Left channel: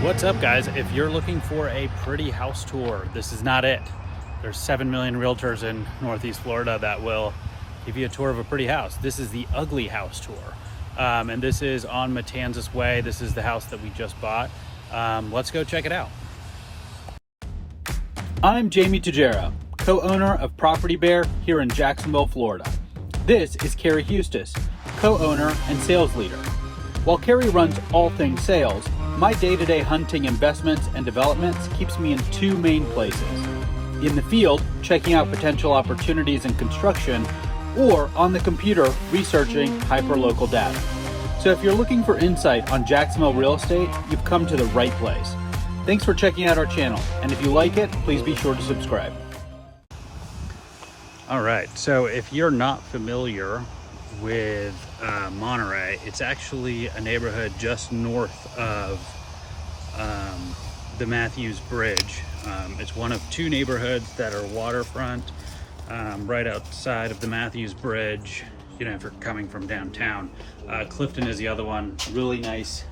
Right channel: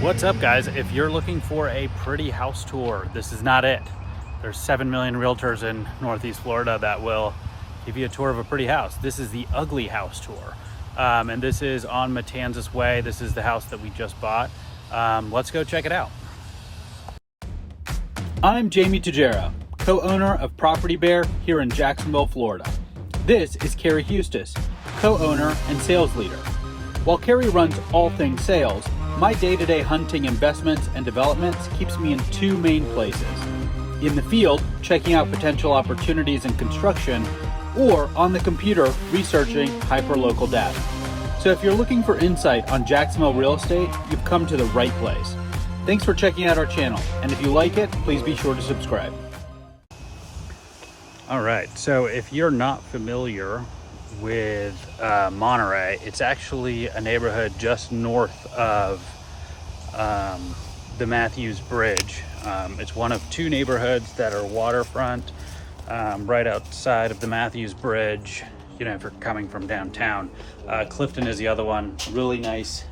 What's up, guys? If you're looking for a pretty house tour, this is not it. There's 7 million realtors in Northeast Florida that will give you a tour of a pretty house. This is the ugly house tour. And this is on Matanzas Way. This is the house that we just bought. Let's go check it out. I'm Jamie Tejera, co-owner of Property Bear here in Jacksonville, Florida. This is Carrie Hustis, co-owner and sales leader. While Carrie runs all things sales, my day-to-day hunting investments and developments keeps me in two main places. In the field, checking out potential opportunities in construction, or on the computer, researching hyperlocal data. So if you're looking for insight on Jacksonville real estate, you've come to the right place. Thanks for checking out our channel, and if you like it, please be sure to subscribe. All right, so if you're not familiar with Monterey, it's actually a neighborhood just north of the Matthews Bridge. It's one of two neighborhoods that are waterfront, right outside of the Matthews Bridge, you know, if you're coming from downtown. Clifton is the other one. Really nice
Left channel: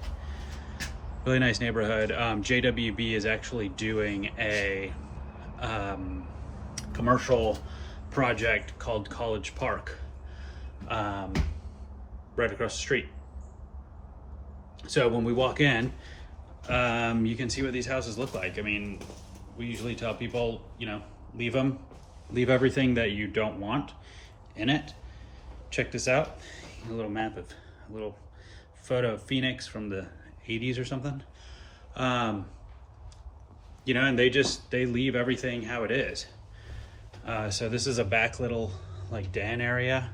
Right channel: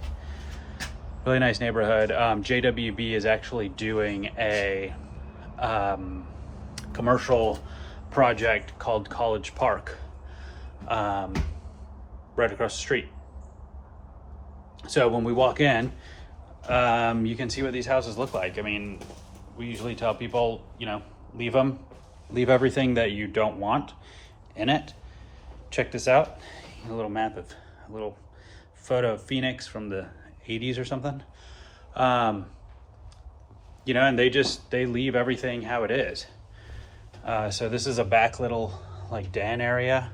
neighborhood. JWB is actually doing a commercial project called College Park, right across the street. So when we walk in, you can see what these houses look like. I mean, we usually tell people, you know, leave everything that you don't want in it. Check this out. A little photo of Phoenix from the 80s or something. You know, and they leave everything how it is. So this is a back little like den area.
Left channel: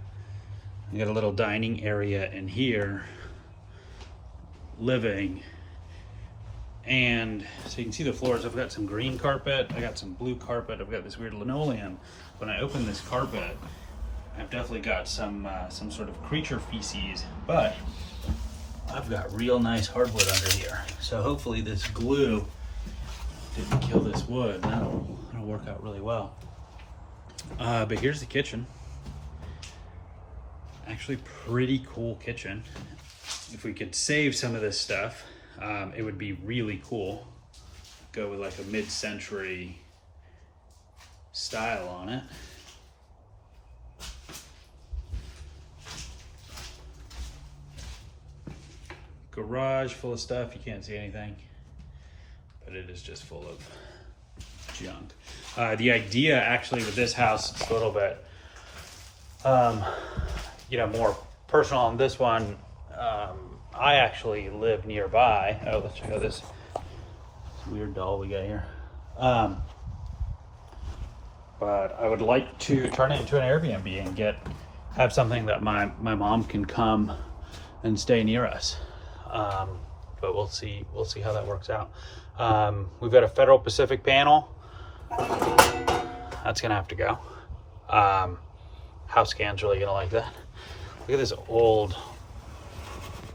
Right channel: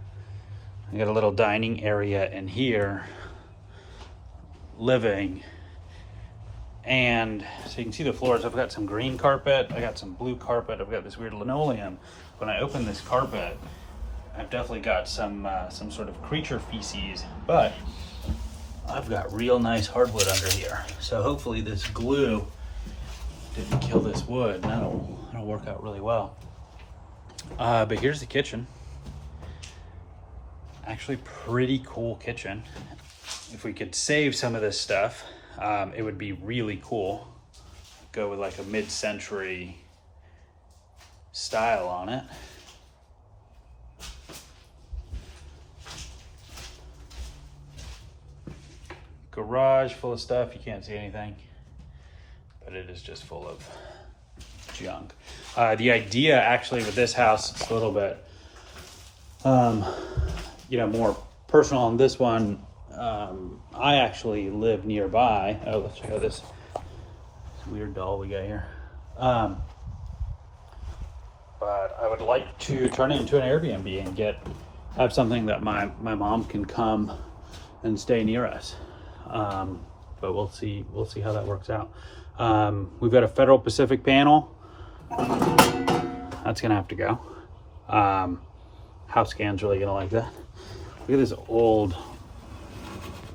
I got a little dining area in here, living. And so you can see the floors. I've got some green carpet, I got some blue carpet, I've got this weird linoleum. When I open this carpet, I've definitely got some sort of creature feces, but I've got real nice hardwood under here. So hopefully this glue didn't kill this wood. That'll work out really well. But here's the kitchen. Actually pretty cool kitchen. If we could save some of this stuff, it would be really cool. Go with like a mid-century style on it. Garage full of stuff. You can't see anything, but it is just full of junk. The idea actually with this house is a little bit, you know, more personal on this one. I actually live nearby. Oh, let's check out this weird doll we got here. But I would like to turn it into an Airbnb and have something that my mom can come and stay near us. But we'll see how that works out. We've got a Federal Pacific panel. That's gonna have to go. House scan's really gonna like that. Look at this old,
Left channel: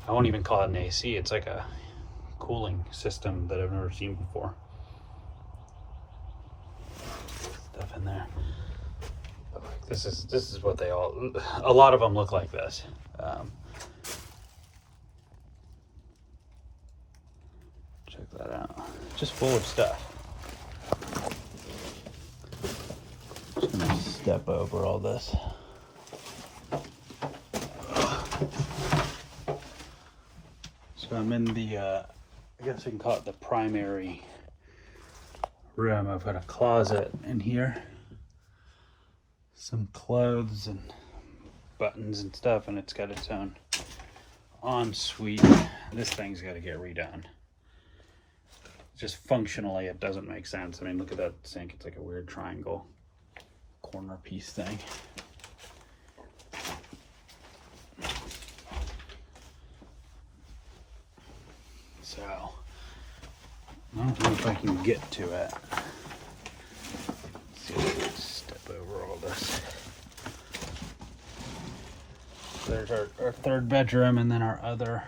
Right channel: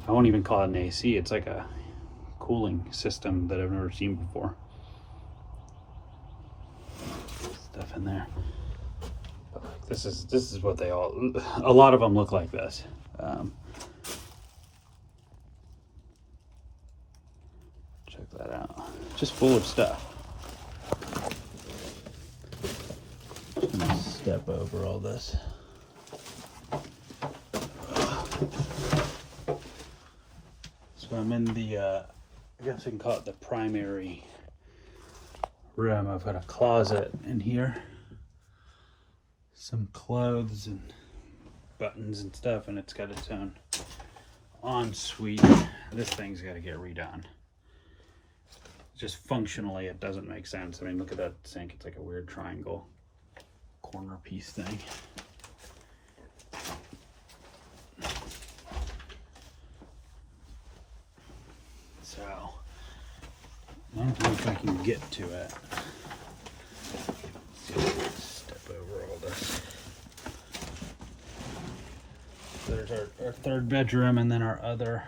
I won't even call it an AC. It's like a cooling system that I've never seen before. Stuff in there. This is what a lot of them look like this. Check that out. Just full of stuff. Just gonna step over all this. So I'm in the, I guess you can call it the primary room. I've got a closet in here, some clothes and buttons and stuff, and it's got its own ensuite. This thing's got to get redone. Just functionally, it doesn't make sense. I mean, look at that sink. It's like a weird triangle corner piece thing. So, I don't know if I can get to it. Let's see if I can step over all this. There's our third bedroom, and then our other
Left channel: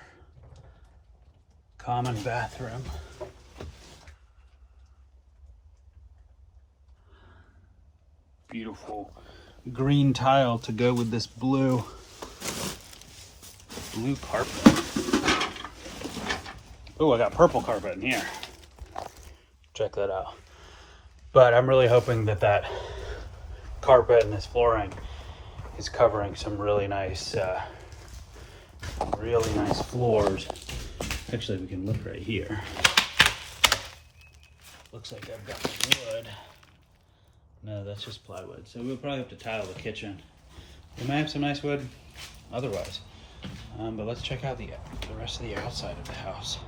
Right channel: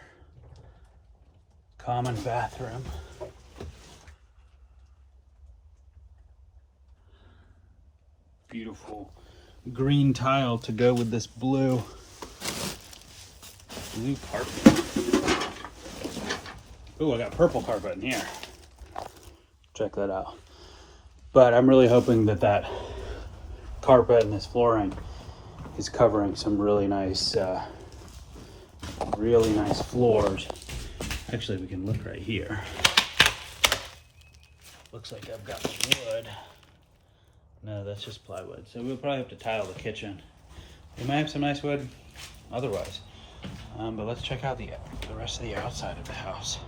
common bathroom. Beautiful green tile to go with this blue carpet. Oh, I got purple carpet in here. Check that out. But I'm really hoping that that carpet and this flooring is covering some really nice floors. Actually, we can look right here. Looks like I've got the wood. No, that's just plywood. So we'll probably have to tile the kitchen. We might have some nice wood otherwise. But let's check out the rest of the outside of the house.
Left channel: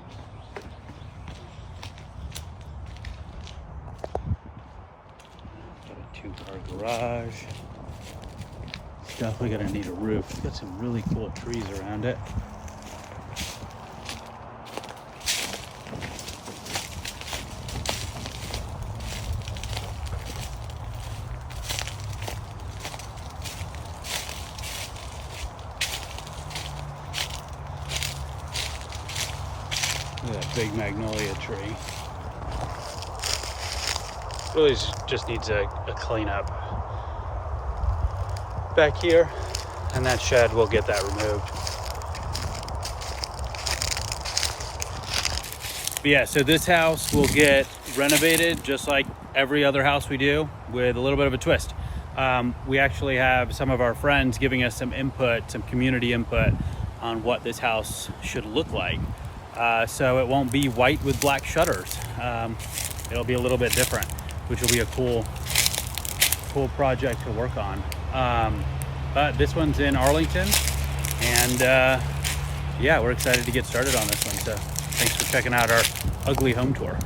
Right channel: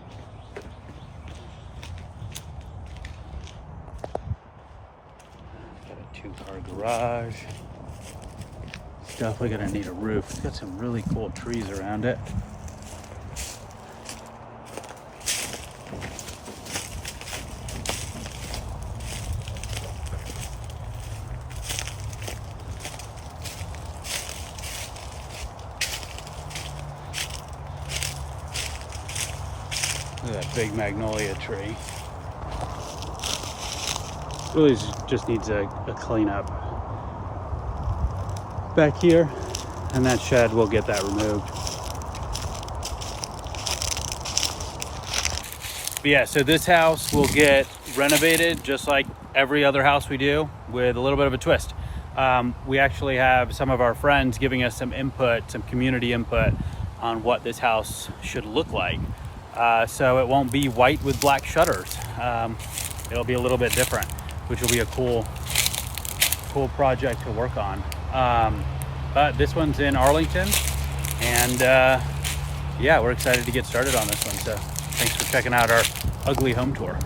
Got a 2-car garage. It's definitely gonna need a roof. It's got some really cool trees around it. Look at that big magnolia tree. Really just needs a cleanup back here, and that shed will get that removed. But yeah, so this house will get renovated just like every other house we do, with a little bit of a twist. We actually have some of our friends giving us some input, some community input on what this house should look like. So it won't be white with black shutters. It'll be a little bit different, which will be a cool project to work on. But this one's in Arlington, and yeah, we're excited to get started on this one. So thanks for checking out our ugly home tour.